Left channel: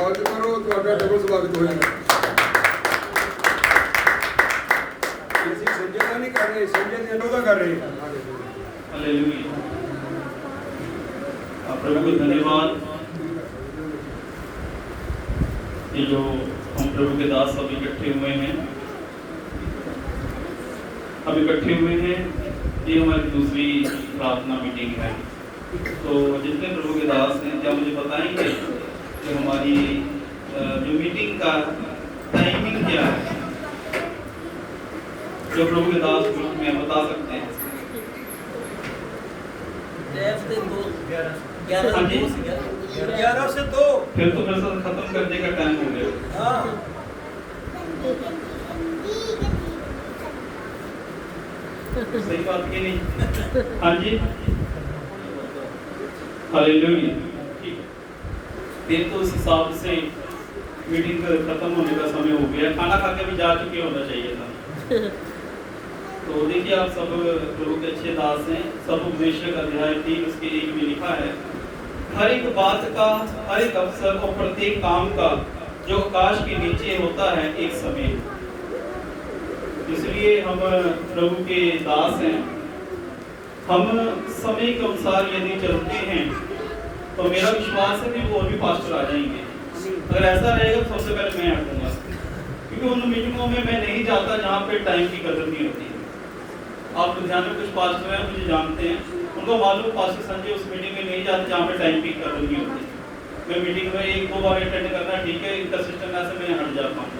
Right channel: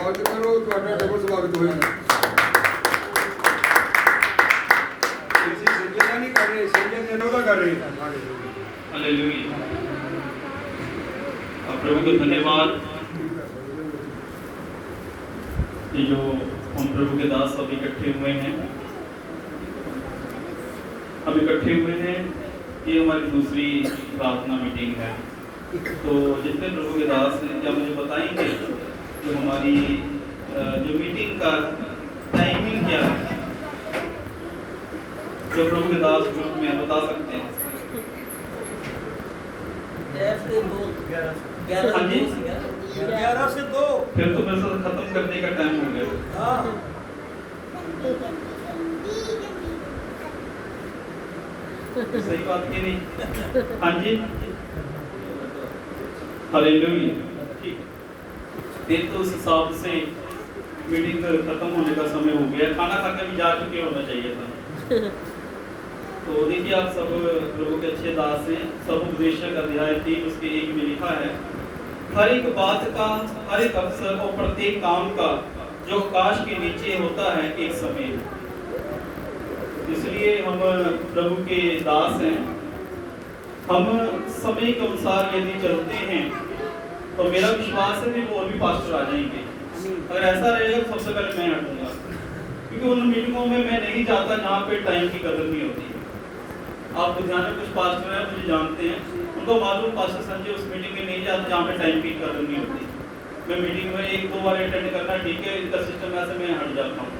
स्वागत करो ਤੁਹਾਡਾ ਡਬਲ ਸਵਾਗਤ ਹੋਇਆ ਅਸੀਂ ਸੰਜਾ ਨਹੀਂ ਕਰ ਰਹੇ ਸੰਜਾ ਨੇ ਅਨੋਦਾ कर रहे हैं हालेलुया। आप प्रभु को धन्यवाद कि जो हम प्रभु के दास सब इकट्ठे हुए हैं, अब इकट्ठे हुए हैं। ये हमारी दूसरी प्रार्थना मीटिंग है। तो जितने प्रभु के दास हैं क्या मुझे बताएंगे कि हमारी जो मीटिंग का टाइमिंग क्या है? जो प्रभु के दास ग्रुप में बता सकते हैं? 11 से 2 फिर तो मेरे साथ खत्म करने का टाइम हो गया। सही बात की नहीं? हाँ जी, हालेलुया। ठीक, फिर तो उस हिसाब से मीटिंग खत्म होने का समय हो गया। खाना खा के भी जा चुके होना चाहिए था। तो देखिए, आप सब प्रभु के अच्छे दास हैं। सब उपदेशक अध्याय 3 उसके 1 में लिखा है, हर एक बात का, हर एक अवसर और प्रत्येक काम का जो आकाश के नीचे होता है एक समय। इसलिए हम प्रभु के दास हैं। हम समय के अनुसार यदि चलते हैं तो मेरा विश्वास है कि और भी पास्टर आ जाएंगे। अगर ऐसा रहेगा तो सबसे पहले मैं हटूंगा, क्योंकि उन मीटिंगों में मैं नहीं जाता जहाँ पे टाइम की कदर नहीं होती। आप ध्यान में कुछ पास्टर हैं, मुझे जानते हैं, उनको मालूम पास्टर संजय उस मीटिंग में नहीं जाते जहाँ पे टाइम की कदर नहीं होती। मैं मीटिंग में 1-2 बार अटेंड करना ठीक है, इनका सिस्टम ऐसे मैं हट जाता हूँ।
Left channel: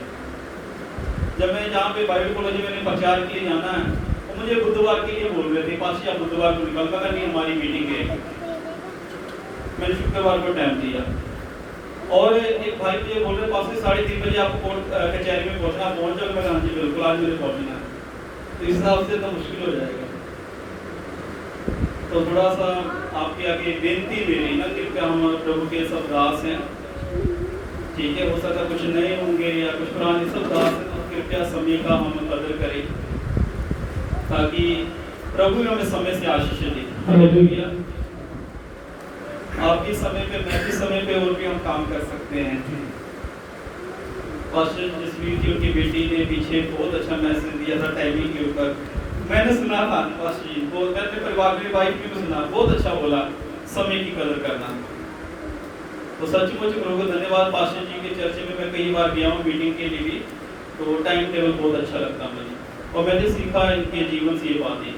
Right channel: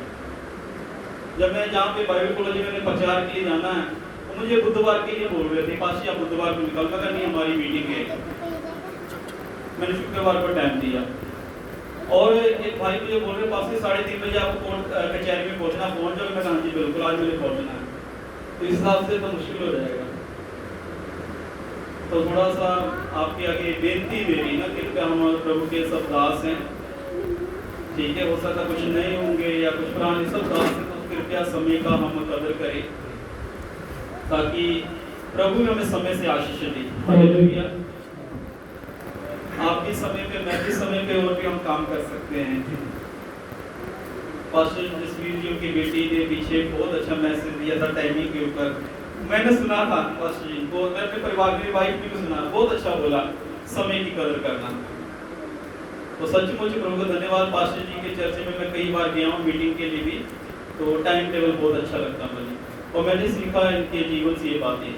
जब मैं जहाँ पे बाइबल कॉलेज में प्रचार के लिए जाना है, तो मुझे बुधवार के लिए बोल रहे थे, पास आप बुधवार को निकल मगर नहीं, हमारी मीटिंग है। मैंने शुक्रवार को टाइम दिया और एक भाई मुझे बोल रहे पास 3:30 बजे आपको कोर्ट कचहरी में पहुँचना, पहुँच जाओगे? मैं कहा जी बिल्कुल, आज मुझे पहुँचना है। तो इस हिसाब से तो मुश्किल हो जाएगा। तो थोड़ा सा आपके आगे बेनती मेरी ना, कृपया हम प्रभु के सब दास हैं, ठीक है? हो सकता कुछ नए होंगे या कुछ पुराने, सब दास हैं, तो कृपया समय का हम कदर करें ताकि प्रभु हमें समय से आशीष दे। हालेलुया। आप भी समय पे, मैं भी समय पे, और भी हम काम कर सकते हैं। पास्टर जसवीर जी की बेटी ने पीछे बहुत अच्छा मैसेज दिया था टाइमिंग के ऊपर, मैंने सुना था पास्टर जी को, मैं अपने परिवार में वाइफ ने भी सुना, बहुत अच्छा बोला समय की कदर करना। तो सचमुच प्रभु को धन्यवाद। पास्टर जी के चर्च में मैं कई बार गया हूँ मीटिंग के लिए भी, तो टाइम टेबल बहुत अच्छा लगता मुझे, और मैंने सीखा इनके जीवन से ये बातें।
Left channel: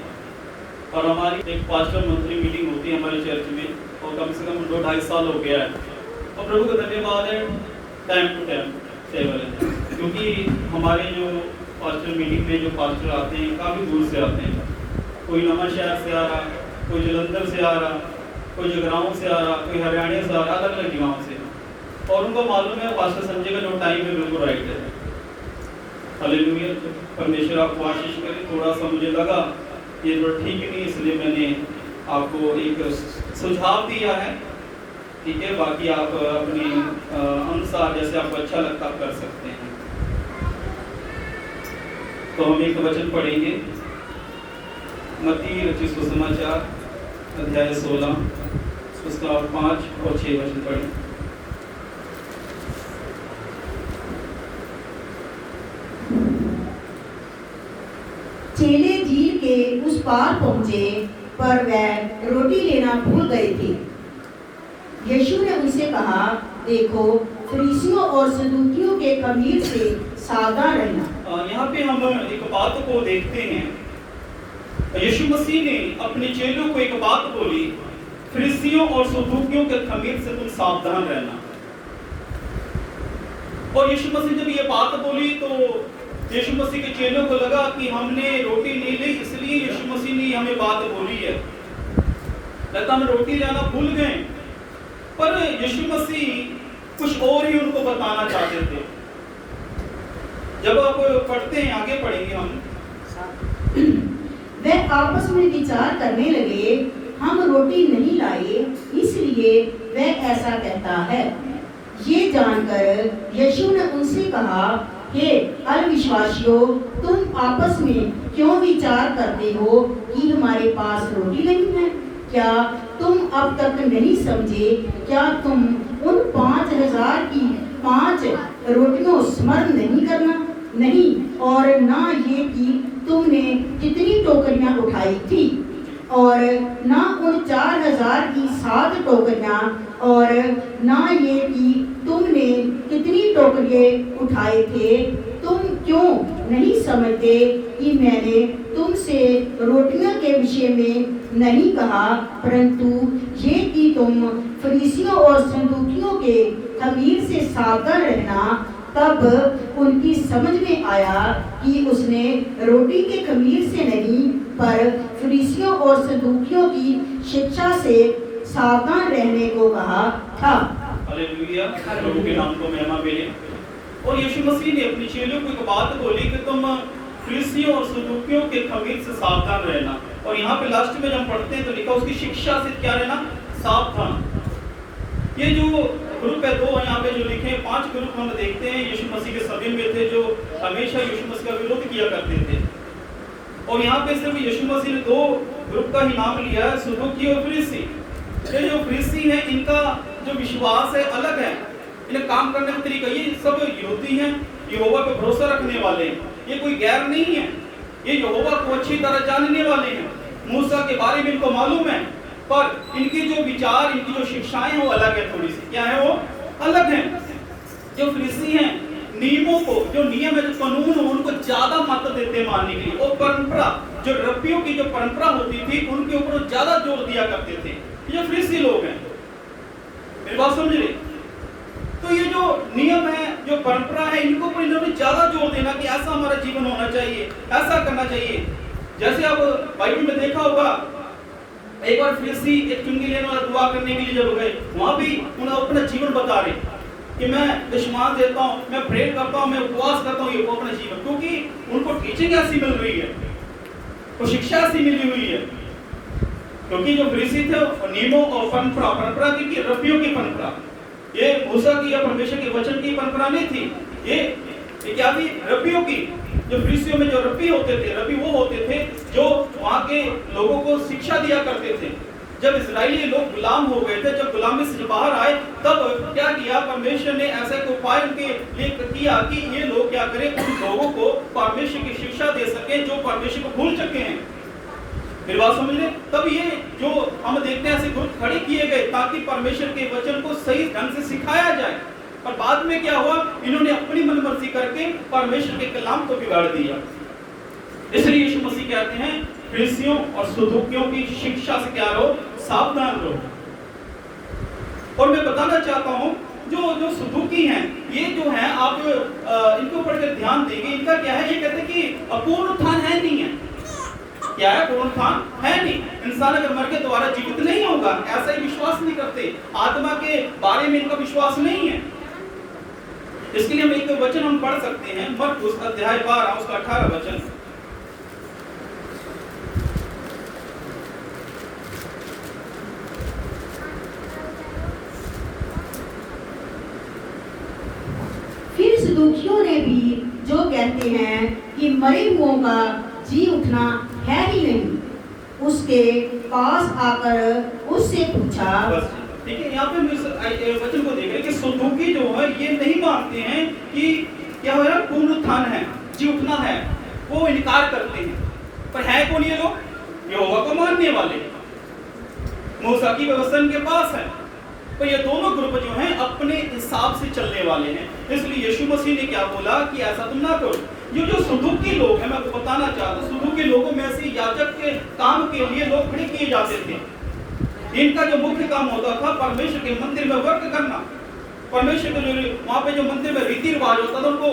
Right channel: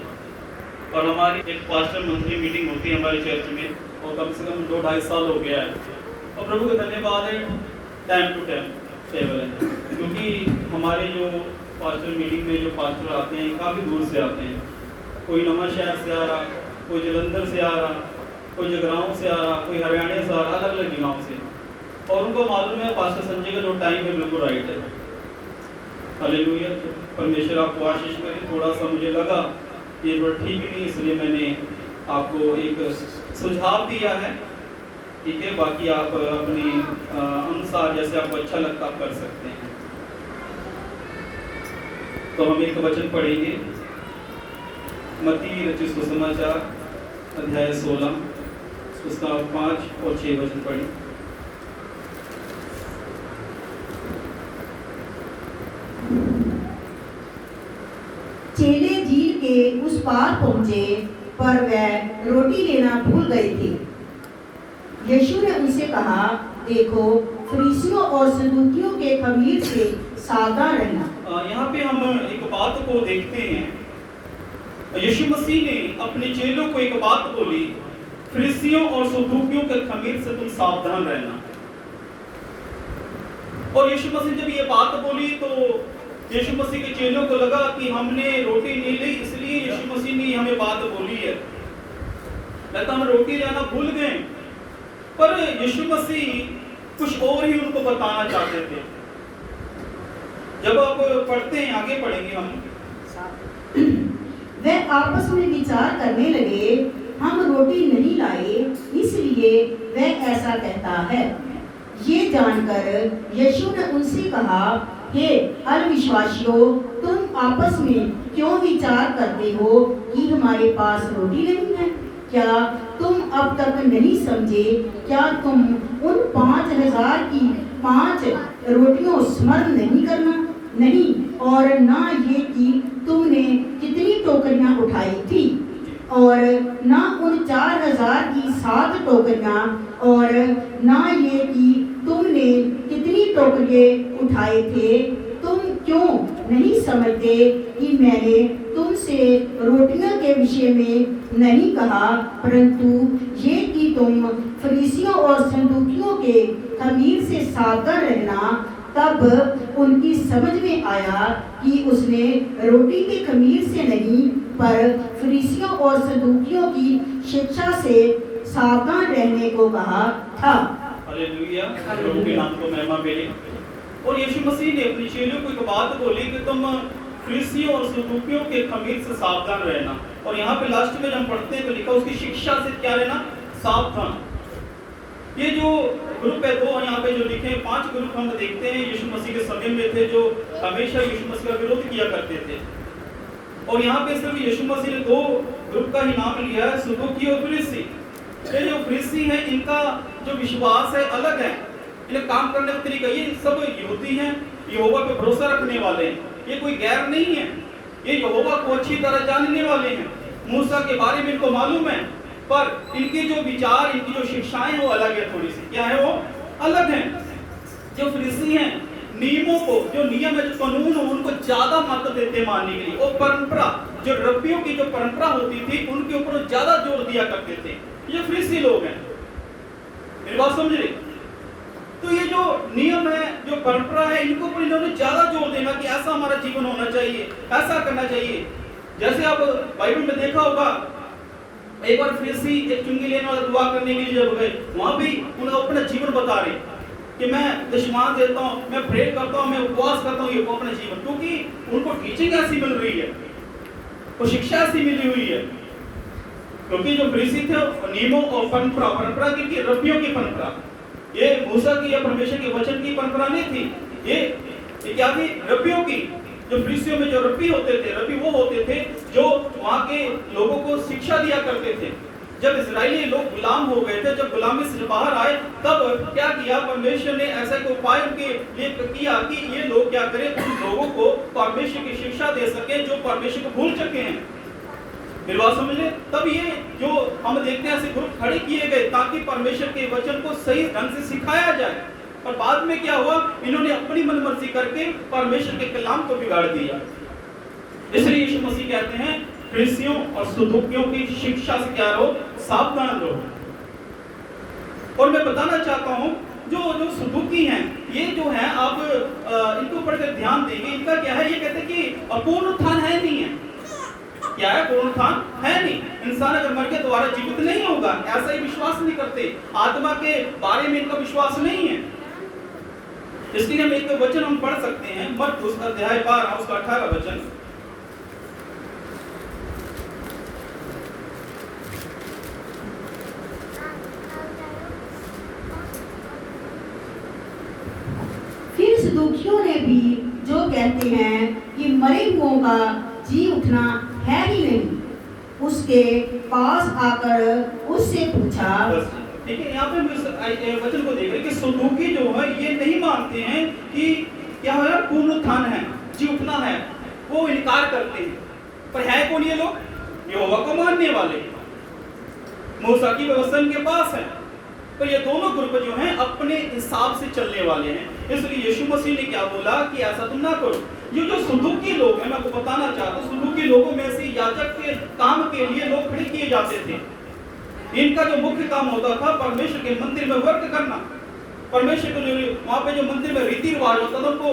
और हमारी एक पास्टर मंथली मीटिंग होती है हमारे चर्च में, और कम से कम 2-2.5 साल हो गया है। और प्रभु का धन्यवाद है, टाइम टू टाइम टेबल है, क्योंकि हमारे जो पास्टर मीटिंग में जो पास्टर आते हैं काफ़ी दूर से आते हैं। कोई नमन शहर से आ रहा, कोई जलंधर से आ रहा, कोई जगराओं से आ रहा, कोई हरियाणा से आ रहा, अलग अलग जगहों से। और उनको मालूम है पास्टर संजय का जो टाइम है बिल्कुल राइट है। हालेलुया। परमेश्वर आपको आशीष करे। थोड़ा सा मुझे लगा ये बात ठीक नहीं, इसलिए मैंने आपको एक सुझाव दिया है, ठीक है? बाकी आप अपने अनुसार जैसे आपको अच्छा लगता आप कर सकते हैं। तो हम एक वचन पढ़ेंगे, मत्ती रचित सुसमाचार अध्याय 16 उसका 5 और 6 वचन पढ़ें। चेले झील के उस पार पहुंचे, पर वह रोटी लेना भूल गए थे। यीशु ने उनसे कहा, देखो, फरीसियों और सदूकियों के खमीर से सावधान रहना। यहाँ पे हम एक बात को देखते हैं, यीशु मसीह ने अपने चेलों को एक बात बोली, फरीसियों और सदूकियों के खमीर से तुम सावधान रहना। और यीशु मसीह जब ये बात बोली तो यीशु मसीह के चेलों को लगा कि हमने रोटी नहीं ली, इसलिए यीशु मसीह ने हमें बात बोली है, लगता हम रोटी लाना भूल गए। पर यीशु मसीह कुछ और ही उनको बताना चाहते थे। जब आप पढ़ते हैं, आगे पढ़ेंगे हम, वे आपस में विचार करने लगे, हम रोटी नहीं लाए, इसलिए वह ऐसा कहता है। ये जानकर यीशु ने उनसे कहा, हे अविश्वासियों, तुम आपस में क्यों विचार करते हो कि हमारे पास रोटी नहीं है? क्या तुम अब तक नहीं समझे? क्या तुम उन 5,000 की रोटियों स्मरण नहीं करना, नहीं, और ना ये कि तुमने कितनी टोकरियां उठाई थी, और ना उन 4000 की 7 टोकरियां, और ना ये कि तुमने कितनी टोकरिए उठाए थे। तुम क्यों नहीं समझते कि मैंने तुमसे रोटियों के विषय में नहीं कहा, परंतु ये कि तुम फरीसियों और सदूकियों के खमीर से सावधान रहना। तब उनकी समझ में आया कि उसने रोटी के खमीर से नहीं, पर फरीसियों और सदूकियों की शिक्षा से सावधान रहने को कहा था। हालेलुया, प्रभु के नाम को महिमा मिले। और यीशु मसीह ने अपने चेलों को एक बात बोली कि तुम फरीसियों और सदूकियों के खमीर से सावधान रहना। और यहाँ पे लास्ट में जब हम पढ़ते हैं तो लिखा उसकी शिक्षा से क्या रहना, सावधान। ये जो ग्रुप है दो यहाँ पे जो लिखे 5 ग्रुप हम देखते हैं यीशु मसीह के समय में थे, जो हमेशा यीशु मसीह का विरोध किया करते थे। और यहाँ पे सिर्फ यीशु मसीह ने 2 ग्रुप का ही नाम लिया है, सदूकी और फरीसी। ये जो फरीसी है इनका जो विश्वास है अलग है, इन्हें काम करने का तरीका, ये सब यहूदी हैं, यहोवा पे भरोसा रखने वाले हैं, ये कोई गैर नहीं है, ये यहोवा को अच्छी तरह जानने वाले हैं, मूसा के बारे में इनको मालूम है, पर इनके जो विचार, इनकी जो शिक्षाएं हैं वो अलग है, थोड़ी सी क्या है वो अलग है। जो फरीसी हैं नियमों को, जो नियम है, जो कानून हो, उनको ज्यादा महत्व देते हैं मानने के लिए, और परंपरा, जो रब्बियों की जो परंपरा होती थी उनके ऊपर ज्यादा जोर दिया करते थे। ये फरीसी लोग हैं, मेरी बात समझ रहे। तो ये जो नियम है, जो परंपरा है, इनको पर इन्होंने ज्यादा जोर देना कि ऐसा हमारा जीवन होना चाहिए, ऐसा करना चाहिए। जैसे आप बाइबल में देखा होगा, एक बार फरीसी एक चुंगी लेने वाला दुआ करने के लिए जब गए, वहां भी उन्हें अपना जीवन बता रहे कि मैं दशमान देता हूँ, मैं प्रे करता हूँ, मैं उपवास करता हूँ, ये वो अपना जीवन, क्योंकि उनको टीचिंग ऐसी मिल रही है, वो शिक्षा ऐसी मिली हुई है। क्योंकि जो फरीसी थे नियमों और परंपरा की रब्बियों की परंपरा, ये मूसा की या परमेश्वर के वचन की परंपरा नहीं थी, ये क्या थी, रब्बियों की। जो फरीसियों में जो रब्बी होते थे, रब्बी वो होते थे जो वहाँ के लोगों को शिक्षा दिया करते थे। जब इजरायली लोग गुलाम हो गए थे, जब गुलामी से बाहर आए, तब क्या किया परमेश्वर ने, ऐसा एक उपाय उनके लिए किया कि ये लोग क्या करें, उन लोगों को परमेश्वर की शिक्षा दे सके जो परमेश्वर को भूल चुके हैं। मेरी बात समझ ले। तब ये जो हम देखते हैं ऐसे ग्रुप खड़े किए गए ताकि परमेश्वर के वचन को सही ढंग से सिखाया जाए। और बाद में क्या हुआ, इन्होंने अपनी मनमर्जी करके परमेश्वर के कलाम को बिगाड़ दिया। इसलिए यीशु मसीह कहते हैं फरीसियों और सदूकियों की शिक्षा से क्या रहो, सावधान रहो। और मैं बताना चाहता हूं, जो सदूकी हैं, ये जो है आप इनको पढ़कर ध्यान देंगे, इनका क्या है, ये कहते हैं कि अपूर्ण उत्थान है नहीं है। क्या है, पूर्ण उत्थान है नहीं। इंसान अगर मर के दोबारा जीवित नहीं होगा, ऐसा ही विश्वास नहीं करते। आत्मा के बारे में इनका विश्वास नहीं है। इसके लिए हम एक वचन हम पढ़ सकते हैं, मरकुस अध्याय 12 उसका 18 वचन। फिर सदूकियों ने भी जो कहते हैं कि मरे हुओं का जी उठना है ही नहीं, उसके पास आकर उससे पूछा। देखिए यहाँ पे हम इस वचन को देख रहे हैं कि सदूकी जो है ये नहीं मानते हैं कि क्या हो, पूर्ण उत्थान है, जी उठना है, वो इनकार करते हैं। पर है कौन ये लोग, यहोवा को मानने वाले, मूसा की व्यवस्था इनके पास है। पर ये दोनों ग्रुप जो हैं अपने हिसाब से चलने वाले हैं। इसलिए यीशु मसीह ने क्या बोला कि ऐसा तुम ना करो। ये जो सदूकी लोग हैं, मैं आपको बताना चाहता हूँ, सदूकी लोगों में से याजक के काम के लिए लोग खड़े किए जाते थे। इनका जो मुख्य काम होता था परमेश्वर के मंदिर में वर्क करना। परमेश्वर के जो वहाँ पे जो मंदिर में रीति रिवाज होता था, उनको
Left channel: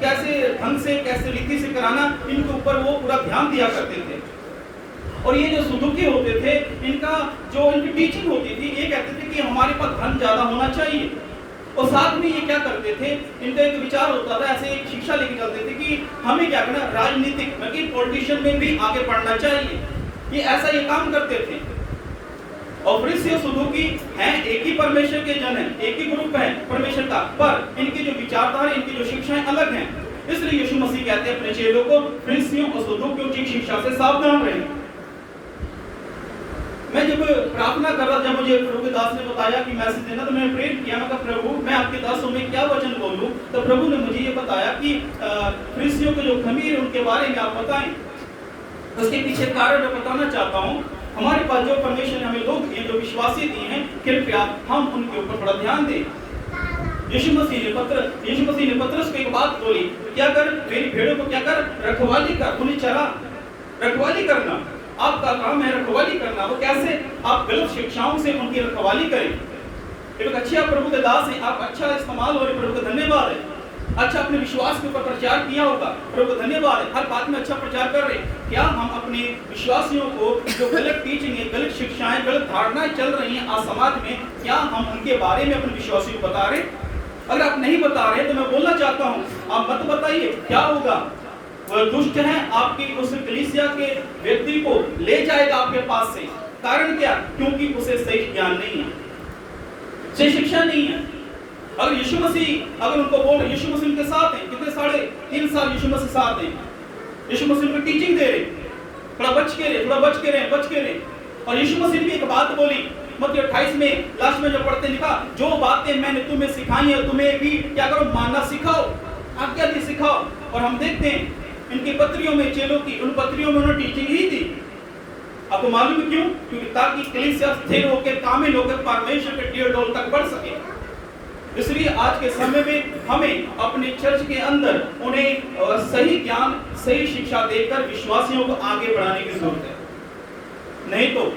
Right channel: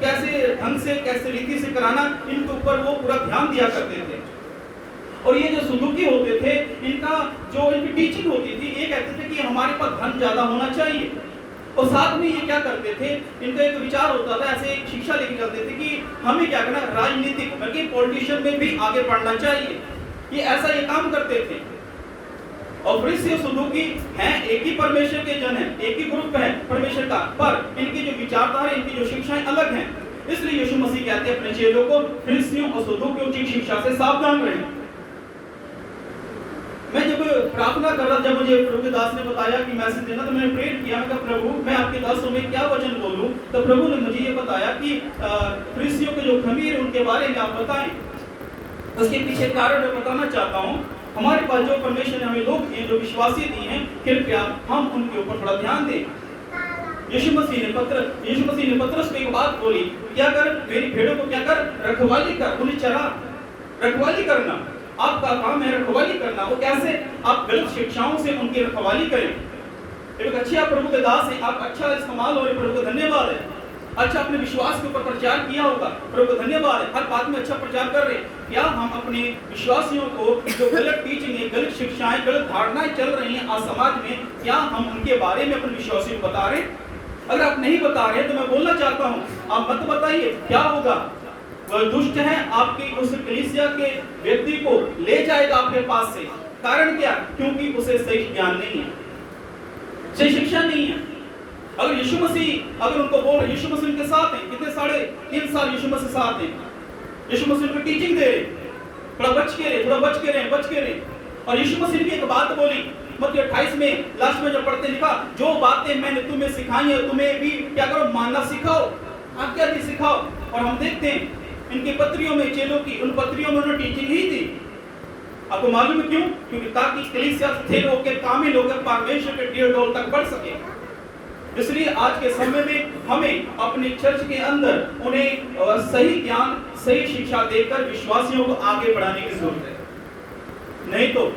कैसे ढंग से, कैसे रीति से कराना, इनके ऊपर वो पूरा ध्यान दिया करते थे। और ये जो सदूकी होते थे, इनका जो इनकी टीचिंग होती थी, ये कहते थे कि हमारे पास धन ज्यादा होना चाहिए। और साथ में ये क्या करते थे, इनका एक विचार होता था, ऐसे एक शिक्षा लेके चलते थे कि हमें क्या करना, राजनीतिक मतलब पॉलिटिशियन में भी आगे बढ़ना चाहिए। ये ऐसा ये काम करते थे। और फरीसी और सदूकी हैं एक ही परमेश्वर के जन हैं, एक ही ग्रुप है परमेश्वर का, पर इनकी जो विचारधारा, इनकी जो शिक्षाएं अलग हैं। इसलिए यीशु मसीह कहते हैं अपने चेलों को फरीसियों और सदूकियों की शिक्षा से सावधान रहें। मैं जब प्रार्थना कर रहा, जब मुझे प्रभु के दास ने बताया कि मैसेज देना, तो मैंने प्रेयर किया। मैं कहा प्रभु मैं आपके दासों में क्या वचन बोलूं? तो प्रभु ने मुझे ये बताया कि फरीसियों के जो खमीर उनके बारे में आप बताएं। उसके पीछे कारण मैं बताना चाहता हूँ। हमारे पास जो परमेश्वर ने हमें लोग दिए, जो विश्वासी दिए हैं, कृपया हम उनके ऊपर थोड़ा ध्यान दें। यीशु मसीह ने पतरस को एक बात बोली, क्या कर? मेरी भेड़ों को क्या कर? रखवाली कर, उन्हें चरा। रखवाली करना आपका काम है, रखवाली करना। वो कैसे? आप गलत शिक्षाओं से उनकी रखवाली करें। एक अच्छे आप प्रभु के दास हैं, आप अच्छा इस्तेमाल हो रहे, प्रभु को धन्यवाद है। अच्छा अपने विश्वास के ऊपर प्रचार किया होगा, प्रभु को धन्यवाद है। हर बात में अच्छा प्रचार कर रहे। क्या हम अपने विश्वासियों को जो गलत टीचिंग है, गलत शिक्षाएं, गलत धारणाएं चल रही हैं आज समाज में, क्या हम उनके बारे में अपने विश्वासियों को बता रहे? अगर आप नहीं बता रहे तो मैं बोलना चाहता हूँ, आप मत बताइए। क्या होगा? वह दुष्ट है, आपकी उस कलीसिया के व्यक्ति को ले जाएगा आपके पास से। कारण क्या? क्योंकि उसे सही ज्ञान नहीं है, सही शिक्षा नहीं है। अगर यीशु मसीह अगर उनको बोल रहे, यीशु मसीह उनके साथ हैं, कितने 3.5 साल यीशु मसीह साथ हैं, यीशु मसीह उनको टीचिंग दे रहे, थोड़ा बच के रहे। और यीशु मसीह ने भी एक बात बोली, मत्ती 28 में लास्ट में जो पढ़ते लिखा, जो बातें मैंने तुम्हें सिखाई है तुम्हें भी क्या करो? मानना सिखाओ, आज्ञा दी सिखाओ। और हम देखते हैं इनकी पत्रियों में, चेलों की उन पत्रियों में उन्होंने टीचिंग ही दी। आपको मालूम है क्यों? क्योंकि ताकि कलीसिया स्थिर होकर, कामिल होकर परमेश्वर के टीर डोल तक बढ़ सके। इसलिए आज के समय में हमें अपनी चर्च के अंदर उन्हें सही ज्ञान, सही शिक्षा देकर विश्वासियों को आगे बढ़ाने की जरूरत है। नहीं तो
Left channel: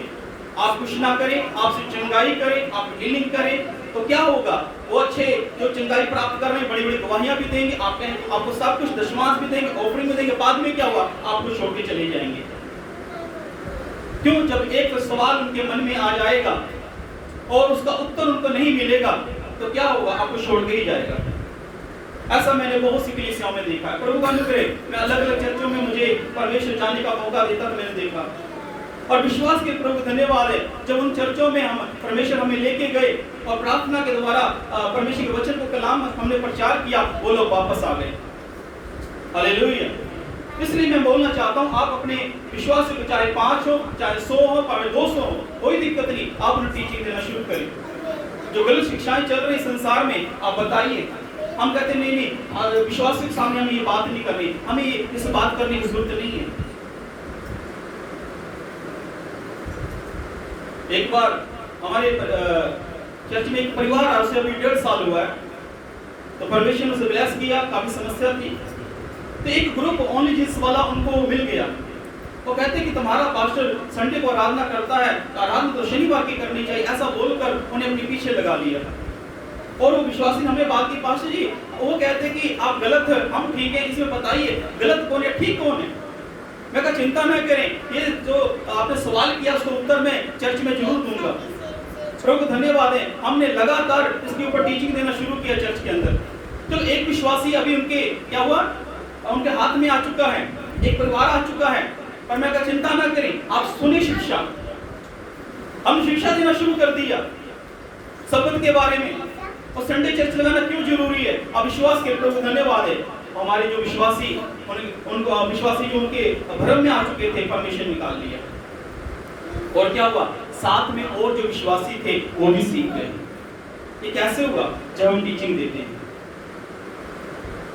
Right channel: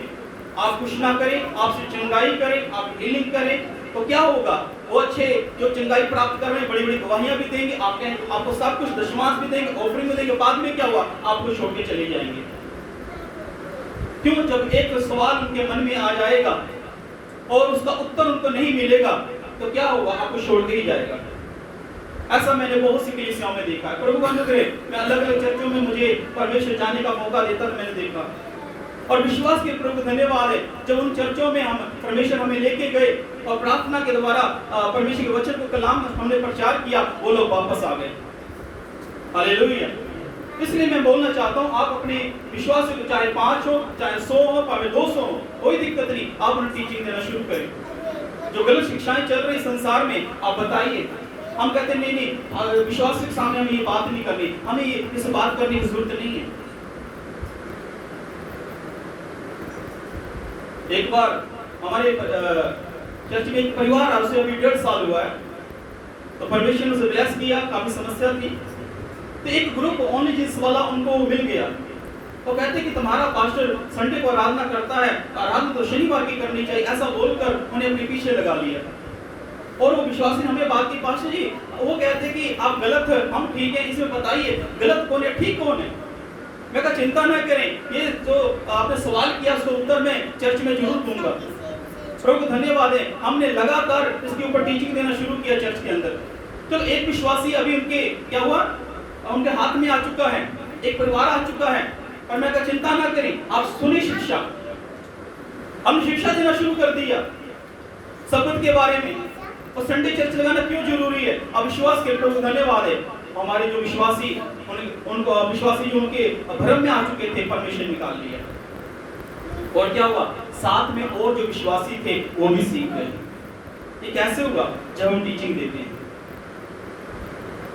आप कुछ ना करें, आपसे चंगाई करें, आप हीलिंग करें, तो क्या होगा? वो अच्छे जो चंगाई प्राप्त कर रहे हैं, बड़ी बड़ी गवाहियां भी देंगे, आपको सब कुछ दशमांश भी देंगे, ऑफरिंग भी देंगे। बाद में क्या हुआ? आपको छोड़ के चले जाएंगे। क्यों? जब एक सवाल उनके मन में आ जाएगा और उसका उत्तर उनको नहीं मिलेगा, तो क्या होगा? आपको छोड़ के ही जाएगा। ऐसा मैंने बहुत सी कलीसियाओं में देखा है। प्रभु का अनुग्रह, मैं अलग अलग चर्चों में मुझे परमेश्वर जाने का मौका देता तो मैंने देखा। और विश्वास के प्रभु धन्यवाद है, जब उन चर्चों में हम परमेश्वर हमें लेके गए और प्रार्थना के द्वारा परमेश्वर के वचन को कलाम हमने प्रचार किया, वो लोग वापस आ गए। हालेलुया। इसलिए मैं बोलना चाहता हूँ, आप अपने विश्वास को चाहे 5 हो, चाहे 100 हो, चाहे 200 हो, कोई दिक्कत नहीं, आप उन्हें टीचिंग देना शुरू करें। जो गलत शिक्षाएं चल रही संसार में, आप बताइए। हम कहते नहीं, विश्वास के सामने हमें ये बात नहीं करनी, हमें इस बात करने की जरूरत नहीं है। एक बार हमारे चर्च में एक परिवार है, उसे अभी 1.5 साल हुआ है, तो परमेश्वर ने उसे ब्लेस किया। काफी समस्या थी, तो एक ग्रुप ओनली जीसस वाला उनको मिल गया। वो कहते कि तुम्हारा पास्टर संडे को आराधना करता है, आराधना तो शनिवार की करनी चाहिए, ऐसा बोलकर उन्हें अपने पीछे लगा लिया। और वो विश्वासी ने हमें बात की, पास्टर जी वो कहते कि आप गलत है, हम ठीक है, इसमें बताइए गलत कौन है, ठीक कौन है? मैं कहा चिंता न करें, ये जो आपने सवाल किया उसका उत्तर मैं चर्च में जरूर दूंगा। प्रभु को धन्यवाद है, हमने लगातार इसके ऊपर टीचिंग देना शुरू किया चर्च के अंदर। चलो एक विश्वासी अभी उनके क्या हुआ, उनके हाथ में आ चुका है, एक परिवार आ चुका है। और मैं कहा चिंता ना करें, आप सुनिए शिक्षा। हमने शिक्षा देना शुरू कर दिया शब्द के बारे में, और संडे चर्च लगाना क्यों जरूरी है। अब विश्वास के प्रभु धन्यवाद है, हमारे जो विश्वासी उनको विश्वासी जो उनके भ्रम में आ चुके थे, परमेश्वर निकाल लिया। और क्या हुआ? साथ में और जो विश्वासी थे वो भी सीख गए। ये कैसे हुआ? जब हम टीचिंग देते हैं,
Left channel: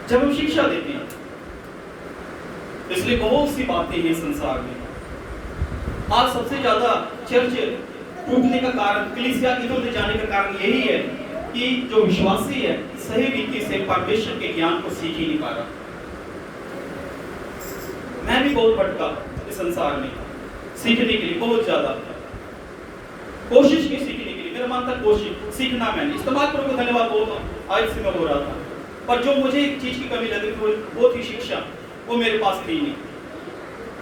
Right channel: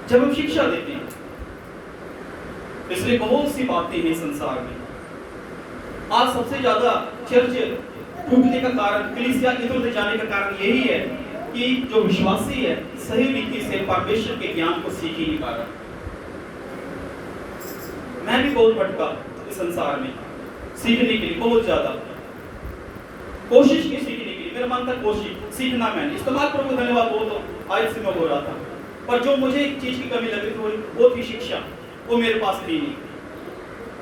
जब हम शिक्षा देते हैं। इसलिए बहुत सी बातें हैं संसार में। आज सबसे ज्यादा चर्च टूटने का कारण, कलीसिया इधर उधर जाने का कारण यही है कि जो विश्वासी है सही रीति से परमेश्वर के ज्ञान को सीख ही नहीं पा रहा। मैं भी बहुत भटका इस संसार में, सीखने के लिए बहुत ज्यादा कोशिश की, सीखने के लिए मेरा मन था कोशिश सीखना। मैंने इस्तेमाल प्रभु धन्यवाद बोलता हूँ, आज से मैं हो रहा था। पर जो मुझे एक चीज की कमी लग रही थी वो थी शिक्षा, वो मेरे पास थी नहीं।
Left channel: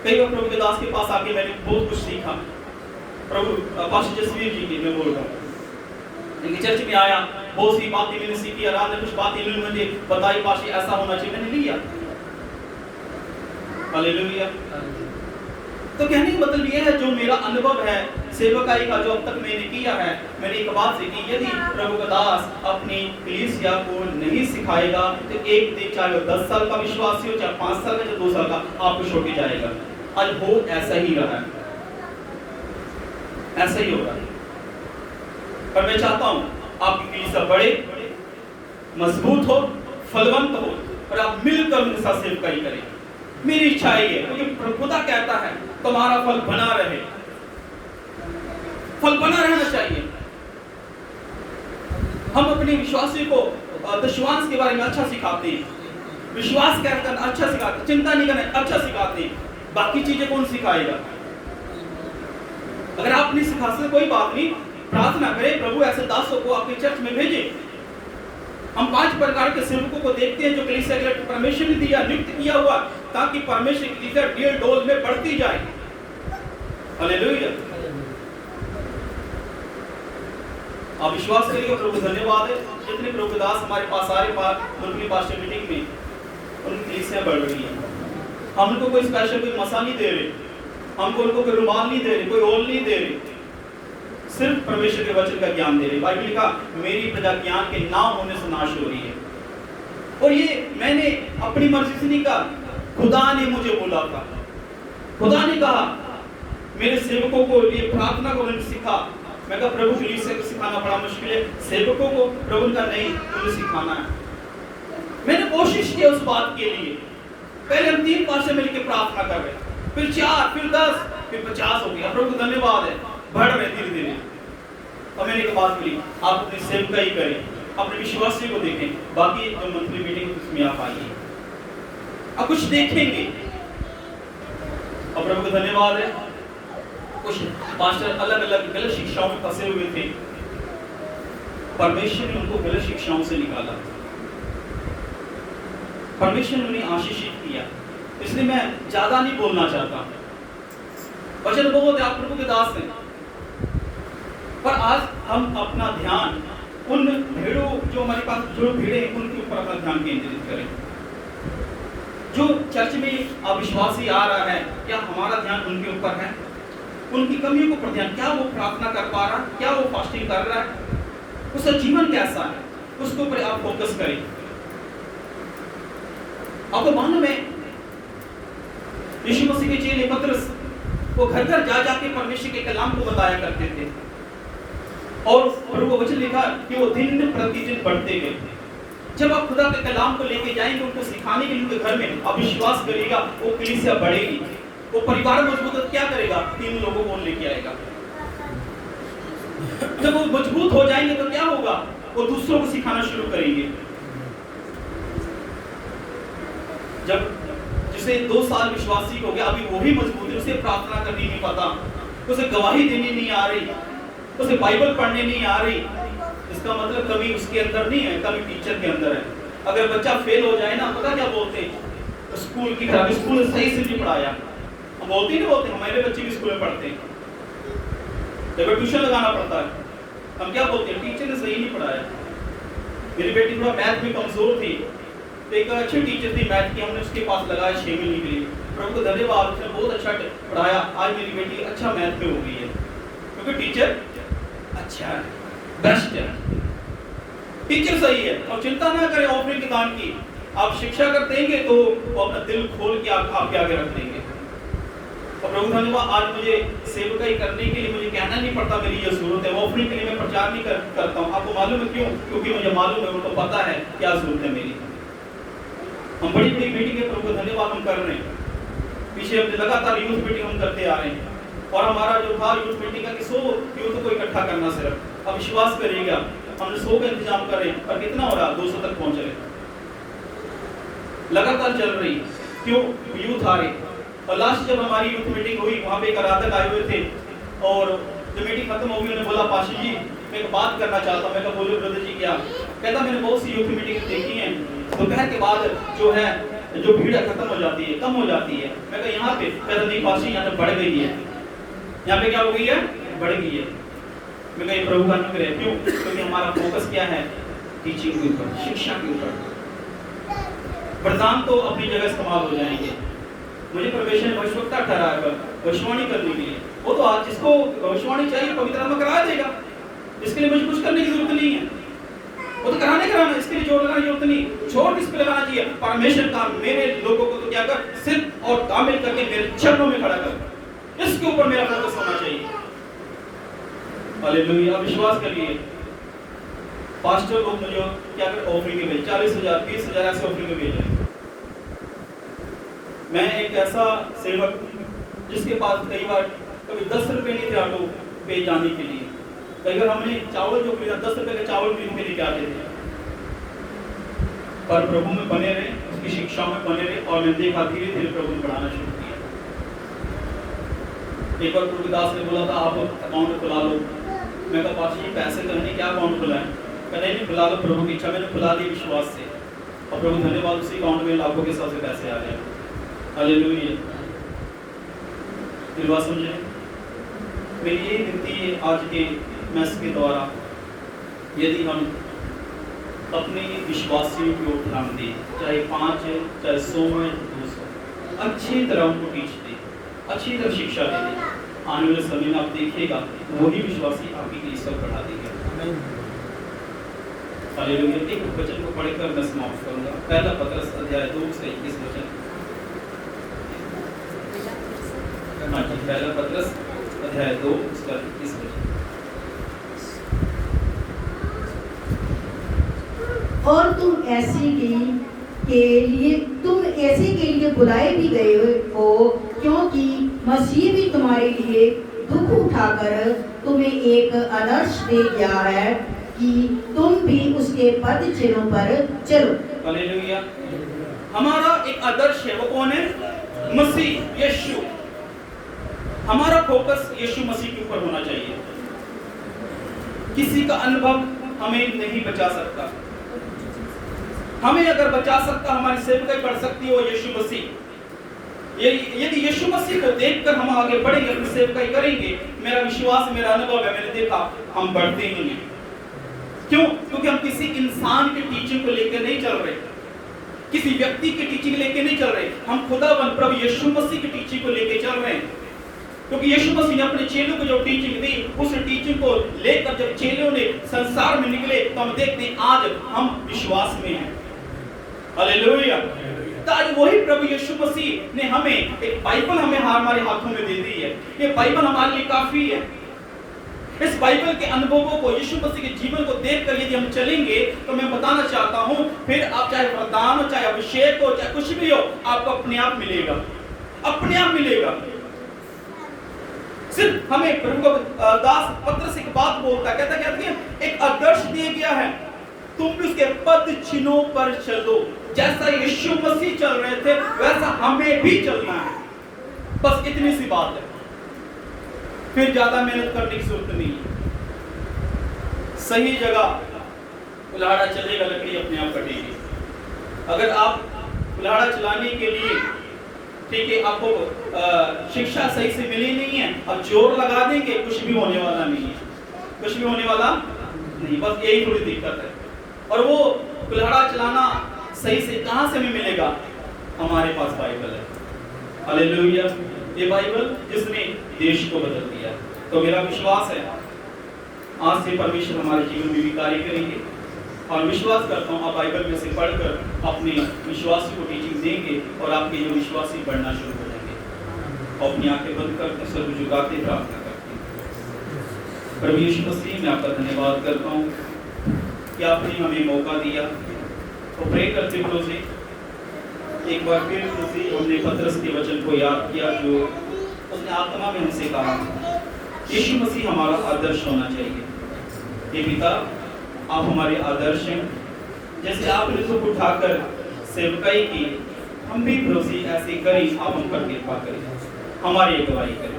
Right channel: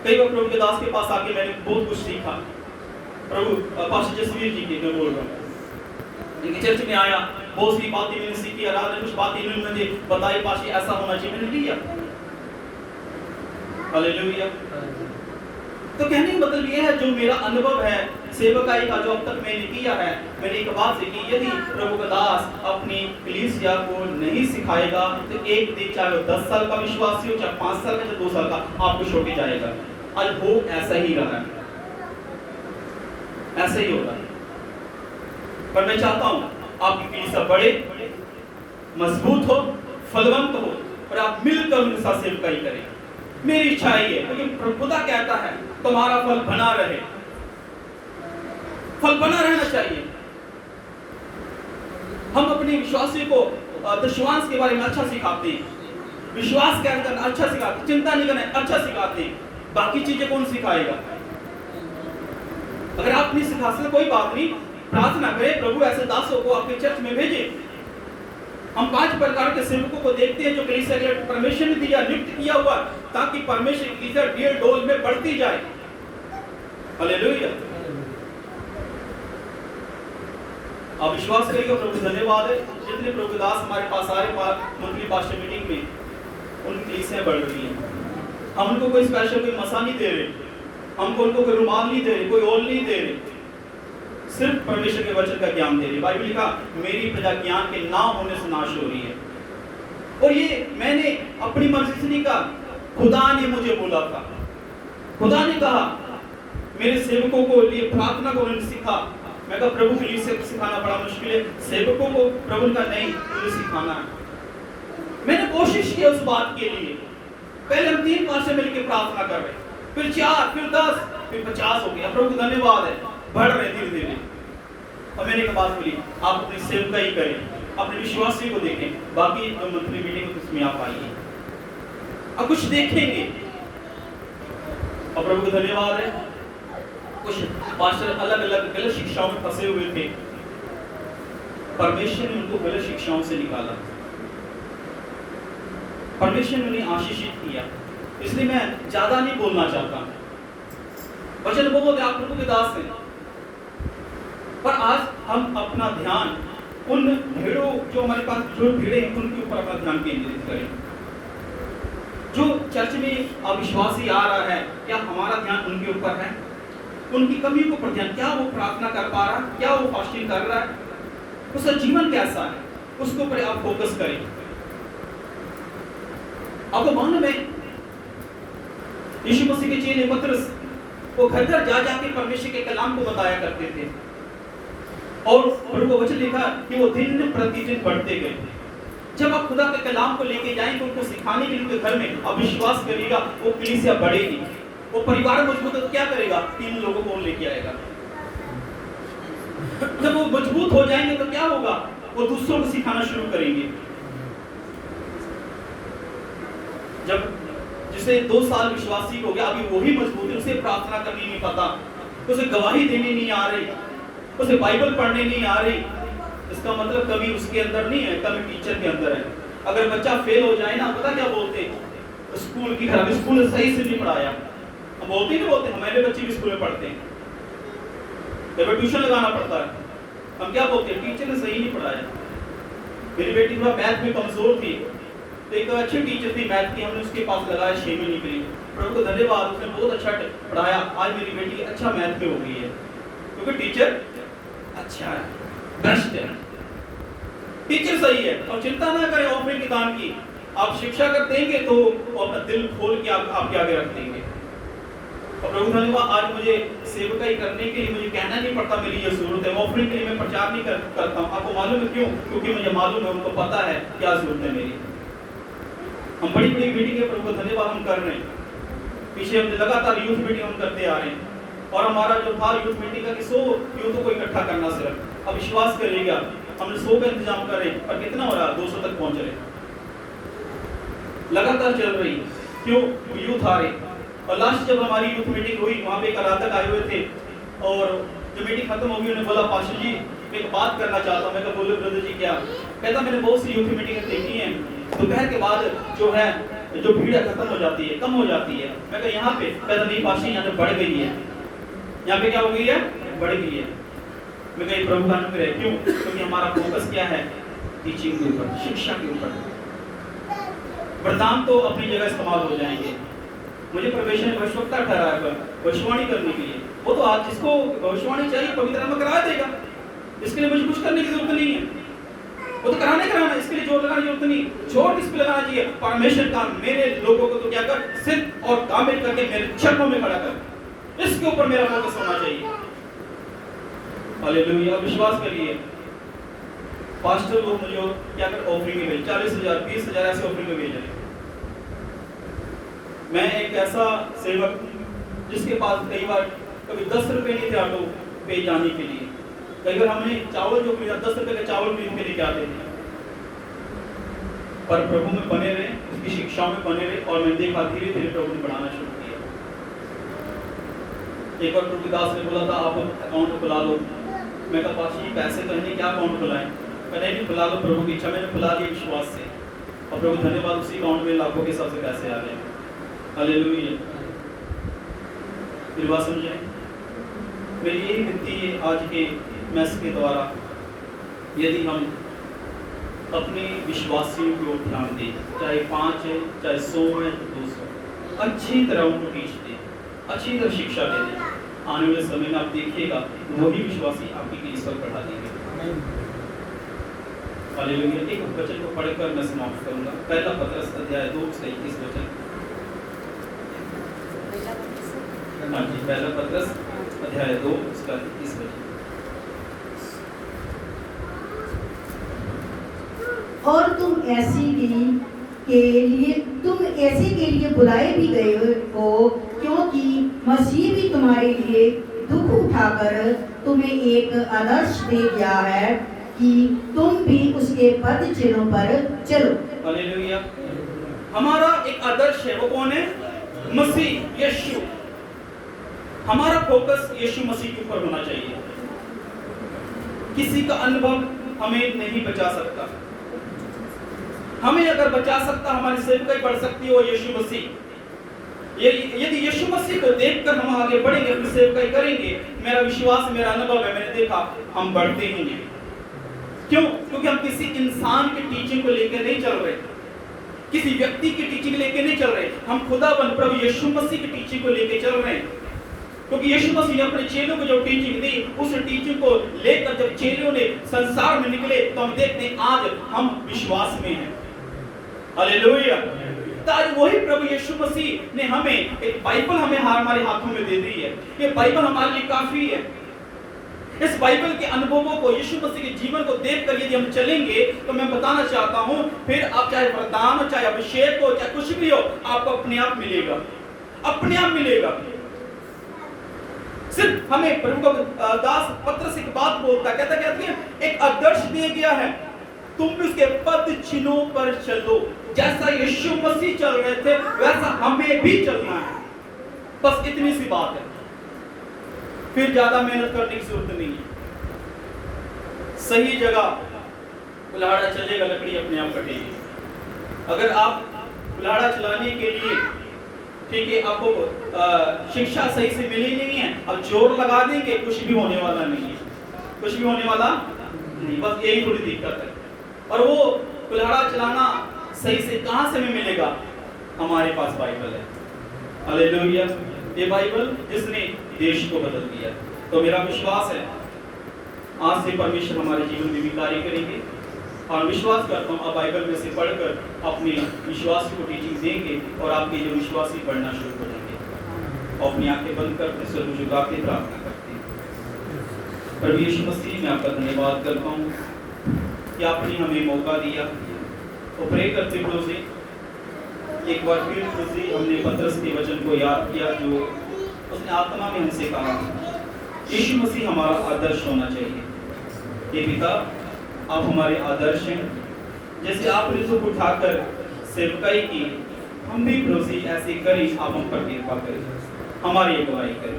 कई बार प्रभु के दास के पास आके मैंने बहुत कुछ सीखा। प्रभु पास्टर जसवीर जी की मैं बोल रहा हूँ, इनके चर्च में आया, बहुत सी बातें मैंने सीखी, आराधना कुछ बातें इन्होंने मुझे बताई, पास्टर ऐसा होना चाहिए, मैंने लिया। हालेलुया। तो कहने का मतलब यह है, जो मेरा अनुभव है सेवकाई का, जो अब तक मैंने किया है, मैंने एक बात सीखी, यदि प्रभु का दास अपनी कलीसिया को नहीं सिखाएगा तो एक दिन, चाहे वो 10 साल का विश्वासी हो, चाहे 5 साल का, चाहे 2 साल का, आपको छोड़ के जाएगा। आज हो ऐसा ही रहा है। ऐसा ही होगा। पर मैं चाहता हूं आपकी कलीसिया बड़े, मजबूत हो, फलवंत हो और आप मिलकर उनके साथ सेवकाई करें। मेरी इच्छा ही है, क्योंकि खुदा कहता है तुम्हारा फल बना रहे, फल बना रहना चाहिए। हम अपने विश्वासी को दशवांश के बारे में अच्छा सिखाते हैं, विश्वास करना अच्छा सिखाते हैं, चिंता नहीं करना अच्छा सिखाते हैं। बाकी चीजें कौन सिखाएगा? अगर आप नहीं सिखा सकते कोई बात नहीं, प्रार्थना करें प्रभु ऐसे दासों को आपके चर्च में भेजे। हम 5 प्रकार के सेवकों को देखते हैं जो कलीसिया के लिए परमेश्वर ने दिया, नियुक्त किया हुआ, ताकि परमेश्वर की कलीसिया ढेर डोल में बढ़ती जाए। हालेलुया। आप विश्वास करिए प्रभु धन्यवाद है, जितने प्रभु दास हमारे पास आ रहे मंथली पास्टर मीटिंग में, उनकी कलीसिया बढ़ रही है। हम उनको कोई स्पेशल कोई मसा नहीं दे रहे, हमको उनको कोई रुमाल नहीं दे रहे, कोई ओल नहीं दे रहे, सिर्फ परमेश्वर के वचन का ज्ञान दे रहे। बाइबल लिखा मेरी प्रजा ज्ञान के ना होने से नाश हो रही है। और ये मैंने अपनी मर्जी से नहीं कहा, खुदा ने मुझे बोला था। खुदा ने कहा मेरे सेवकों को ये प्रार्थना को उन्होंने सिखा। मैं कहा प्रभु के लिए सिखाना बड़ा मुश्किल है, सेवकों को प्रभु का नहीं उन्हें सिखाना है। मैंने कोशिश की उस बात के लिए। पहले हम 3 पासे मिलकर प्रार्थना कर रहे, फिर 4, फिर 10, फिर 50 हो गया। प्रभु धन्यवाद है, बढ़ रहे धीरे धीरे। और मैंने एक बात बोली, आप अपनी सेवकाई करें, अपने विश्वासी को देखें, बाकी जो मंथली मीटिंग उसमें आप आइए, अब कुछ देखेंगे। और प्रभु का धन्यवाद है, कुछ पास्टर अलग अलग गलत शिक्षाओं में फंसे हुए थे, परमेश्वर ने उनको गलत शिक्षाओं से निकाला, परमेश्वर ने उन्हें आशीषित किया। इसलिए मैं ज्यादा नहीं बोलना चाहता, वचन बहुत है, आप प्रभु के दास हैं। पर आज हम अपना ध्यान उन भेड़ों जो हमारे पास जो भेड़े हैं उनके ऊपर अपना ध्यान केंद्रित करें। जो चर्च में अविश्वासी आ रहा है, क्या हमारा ध्यान उनके ऊपर है? उनकी कमियों को पर ध्यान, क्या वो प्रार्थना कर पा रहा है, क्या वो फास्टिंग कर रहा है, उसका जीवन कैसा है, उसके ऊपर आप फोकस करें। आपको मालूम है यीशु मसीह के चेले पतरस वो घर घर जा जाके परमेश्वर के कलाम को बताया करते थे, और प्रभु को वचन लिखा कि वो दिन प्रतिदिन बढ़ते गए। जब आप खुदा के कलाम को लेके जाएंगे उनको सिखाने के लिए उनके घर में, आप विश्वास करिएगा वो कलीसिया बढ़ेगी, वो परिवार मजबूत हो। क्या करेगा? 3 लोगों को लेके आएगा। जब वो मजबूत हो जाएंगे तो क्या होगा? वो दूसरों को सिखाना शुरू करेंगे। जब जिसे 2 साल विश्वासी हो गया, अभी वही मजबूत है, उसे प्रार्थना करनी नहीं पता, उसे गवाही देनी नहीं आ रही, उसे बाइबल पढ़ने नहीं आ रही, इसका मतलब कभी उसके अंदर नहीं है, कभी टीचर के अंदर है। अगर बच्चा फेल हो जाए ना, पता क्या बोलते हैं? स्कूल की खराबी, स्कूल सही से नहीं पढ़ाया। हम बोलते नहीं बोलते, हमारे बच्चे भी स्कूल में पढ़ते हैं, जब ट्यूशन लगाना पड़ता है, हम क्या बोलते हैं? टीचर ने सही नहीं पढ़ाया। मेरी बेटी थोड़ा मैथ में कमजोर थी, तो एक अच्छी टीचर थी मैथ की, हमने उसके पास लगाया 6 महीने के लिए। प्रभु को धन्यवाद, उसने बहुत अच्छा पढ़ाया। आज मेरी बेटी अच्छा मैथ में हो गई है, क्योंकि टीचर अच्छा है, बेस्ट है, टीचर सही है। और चिंता ना करें ऑफरिंग के दान की, आप शिक्षा कर देंगे तो वो अपना दिल खोल के आपके आगे रख देंगे। और प्रभु धन्यवाद, आज मुझे सेवकाई करने के लिए मुझे कहना नहीं पड़ता मेरी ये जरूरत है। ऑफरिंग के लिए मैं प्रचार नहीं करता हूँ। आपको मालूम है क्यों? क्योंकि मुझे मालूम है, उनको पता है क्या जरूरत है मेरी। हम बड़ी बड़ी मीटिंग है प्रभु धन्यवाद हम कर रहे हैं, पीछे हम लगातार यूथ मीटिंग हम करते आ रहे हैं, और हमारा जो था यूथ मीटिंग का कि 100 यूथ को इकट्ठा करना सिर्फ। अब विश्वास करिएगा हमने 100 का इंतजाम कर रहे हैं, और कितना हो रहा? 200 तक पहुंच रहे, लगातार चल रही। क्यों? यूथ आ रहे। और लास्ट जब हमारी यूथ मीटिंग हुई, वहाँ पे एक आराधक आए हुए थे, और जब मीटिंग खत्म हो गई उन्होंने बोला पास्टर जी मैं एक बात करना चाहता हूँ। मैं कहा बोलो ब्रदर जी क्या? कहता मैंने बहुत सी यूथ मीटिंग देखी हैं, दोपहर के बाद जो है जो भीड़ खत्म हो जाती है, कम हो जाती है। मैं कहा यहाँ पे? कहता नहीं पास्टर यहाँ पे बढ़ गई है। यहाँ पे क्या हो गई है? बढ़ गई है। मैं कहा प्रभु का अनुग्रह है। क्यों? क्योंकि हमारा फोकस क्या है? टीचिंग के ऊपर, शिक्षा के ऊपर। वरदान तो अपनी जगह इस्तेमाल हो जाएंगे। मुझे परमेश्वर ने भविष्यवक्ता ठहराया भविष्यवाणी करने के लिए, वो तो आज जिसको भविष्यवाणी चाहिए पवित्र आत्मा करा देगा। इसके लिए मुझे कुछ करने की जरूरत नहीं है, वो तो कराना, इसके लिए जोर लगाने की जरूरत नहीं। जोर किस पे लगाना चाहिए? परमेश्वर का मेरे लोगों को तो क्या कर, सिर्फ और कामिल करके मेरे चरणों में खड़ा कर, इसके ऊपर मेरा फोकस होना चाहिए। हालेलुया। विश्वास करिए, पास्टर लोग मुझे क्या कर ऑफरिंग में भेज 40,000 20,000 ऐसे ऑफरिंग में भेज रहे हैं। मैं एक ऐसा सेवक जिसके पास कई बार कभी 10 रुपए नहीं थे ऑटो पे जाने के लिए, कई बार हमने चावल जो खरीदा 10 रुपए का चावल भी के लेके आते थे, पर प्रभु में बने रहे, उसकी शिक्षा में बने रहे और मैंने देखा धीरे धीरे प्रभु ने बढ़ाना शुरू किया। एक बार प्रभुदास ने बोला था आप अकाउंट खुला लो, मैं कहा पास जी पैसे तो नहीं, क्या अकाउंट खुलाएं? मैंने भी खुला लो, प्रभु की इच्छा, मैंने खुला दी विश्वास से और प्रभु धन्यवाद उसी अकाउंट में लाखों के सबसे पैसे आ गए। हालेलुया। फिर बात समझे, मेरी ये विनती है आज के मैस के द्वारा, यदि हम अपने विश्वासियों की ओर ध्यान दें, चाहे 5 है, चाहे 100 है, 200, अच्छी तरह उनको टीच दें, अच्छी तरह शिक्षा दे दें, आने वाले समय में आप देखिएगा वही विश्वासी आपकी ईश्वर बढ़ा देंगे। हालेलुया। एक वचन को पढ़कर मैं समाप्त करूंगा। पहला पत्रस अध्याय 2 से 21 वचन। हाँ जी, पहला पत्रस अध्याय 2 उसका 21 वचन। और तुम ऐसे के लिए बुलाए भी गए हो, क्योंकि मसीह भी तुम्हारे लिए दुख उठाकर तुम्हें एक आदर्श दे गया है कि तुम भी उसके पद चिन्हों पर चलो। हालेलुया। हमारा एक आदर्श है, वो कौन है? मसीह यीशु। हमारा फोकस यीशु मसीह के ऊपर होना चाहिए। किसी का अनुभव हमें नहीं बचा सकता। हमें अगर बचा सकता, हमारी सेवकाई बढ़ सकती है वो यीशु मसीह। यदि यीशु मसीह को देखकर हम आगे बढ़ेंगे, अपनी सेवकाई करेंगे, मेरा विश्वास, मेरा अनुभव है, मैंने देखा हम बढ़ते ही हैं। क्यों? क्योंकि हम किसी इंसान की टीचिंग को लेकर नहीं चल रहे, किसी व्यक्ति की टीचिंग लेकर नहीं चल रहे, हम खुदाबंद प्रभु यीशु मसीह की टीचिंग को लेकर चल रहे हैं। क्योंकि यीशु मसीह ने अपने चेलों को जो टीचिंग दी, उस टीचिंग को लेकर जब चेलों ने संसार में निकले तो हम देखते हैं आज हम विश्वास में हैं। हालेलुया। तो आज वही प्रभु यीशु मसीह ने हमें एक बाइबल हमारे हाथों में दे दी है। ये बाइबल हमारे लिए काफी है। इस बाइबल के अनुभवों को, यीशु मसीह के जीवन को देखकर यदि हम चलेंगे तो मैं बताना चाहता हूं, फिर आप चाहे वरदान हो, चाहे अभिषेक हो, चाहे कुछ भी हो, आपको अपने आप मिलेगा, अपने आप मिलेगा। सिर्फ हमें प्रभु का दास पत्र से एक बात बोलता, कहता क्या है? एक आदर्श दिया गया है, तुम भी उसके पद चिन्हों पर चलो। जैसा यीशु मसीह चल रहे थे वैसा हमें भी चलना है। बस इतनी सी बात है, फिर ज्यादा मेहनत करने की जरूरत नहीं है। सही जगह कुल्हाड़ा चलेगा, लकड़ी अपने आप कटेगी। अगर आप कुल्हाड़ा चलाने के लिए, ठीक है, आपको शिक्षा सही से मिली नहीं है, अब जोर लगा देंगे, कुछ भी होने वाला नहीं है, कुछ भी होने वाला नहीं। बस यही थोड़ी दिक्कत है। और वो कुल्हाड़ा चलाना सही से कहां से हमें मिलेगा? हमारे पास बाइबल है। हालेलुया। ये बाइबल जिसने देश को बदल दिया। तो मेरा विश्वास है आज से परमेश्वर हमारे जीवन में भी कार्य करेंगे, और विश्वास करता हूँ आप बाइबल में से पढ़कर अपने विश्वासी को टीचिंग देंगे और आपके जो विश्वासी बढ़ना शुरू हो जाएंगे। और अपनी आंखें बंद कर अपने सर को झुकाते प्रार्थना करते हैं। प्रभु यीशु मसीह, मैं आपका धन्यवाद करता हूँ कि आपने हमें मौका दिया। तो प्रे करते हुए से एक बार फिर से हमने पत्रस के वचन को याद किया जो उसने आत्मा में हमसे कहा, यीशु मसीह हमारा आदर्श होना चाहिए। ये पिता, आप हमारे आदर्श हैं। जैसे आपने दुख उठाकर सेवकाई की, हम भी भरोसे ऐसे करें, आप हम पर कृपा करें, हमारी अगुवाई करें।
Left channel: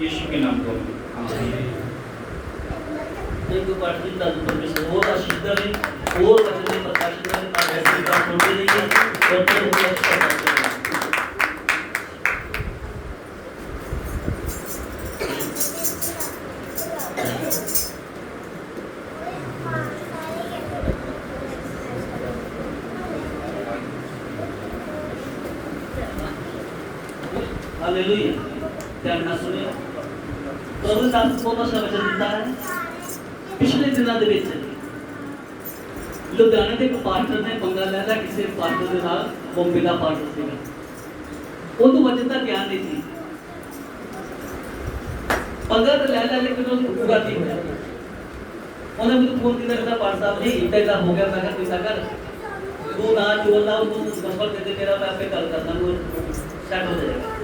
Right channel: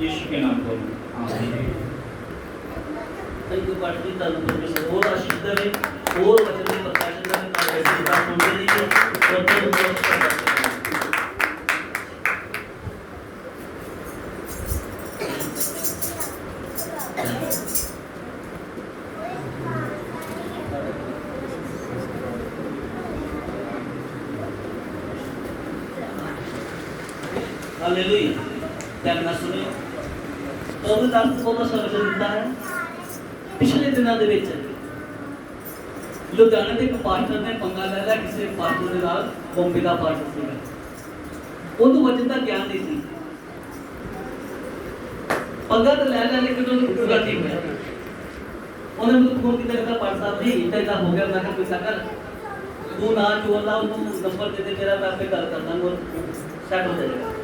यीशु के नाम पर आमीन। कई पाठ की ताकत परमेश्वर और आशीष दे, और वचन प्रकाशन करने का ऐसी बात होती रही है। हालेलुया। ध्यान ਨਾਲ ਸੁਣਿਓ। ਪ੍ਰਭੂ ਦਾ ਬਹੁਤ ਸਾਰਾ ਵਚਨ ਦਿੱਤਾ ਹੈ। ਪਿਛਲੇ ਦਿਨਾਂ ਦੇ ਵਿੱਚ ਲੁਧਿਆਣੇ ਦੇ ਇੱਕ ਪਾਸਟਰ ਨੇ ਪੰਗਾ ਲੈਦਾ ਕਿਸੇ ਪਾਸਟਰ ਦੇ ਨਾਲ, ਉਹ ਬਿਨਾਂ ਪਾਸਟਰ ਸੀਗਾ, ਉਹਨੂੰ ਵਚਨ ਦਾ ਗਿਆਨ ਨਹੀਂ ਸੀ। पंगा तो ले लेकिन वो पूरा ठीक है उन्हें मुझे फोन किया कहता पाठ साहब जी इतना हो गया मैं कोई कर तू ना चोर लाओ तू नंबर दे दे मेरा मैं आपके कॉल करता हूँ सेट हो जाएगा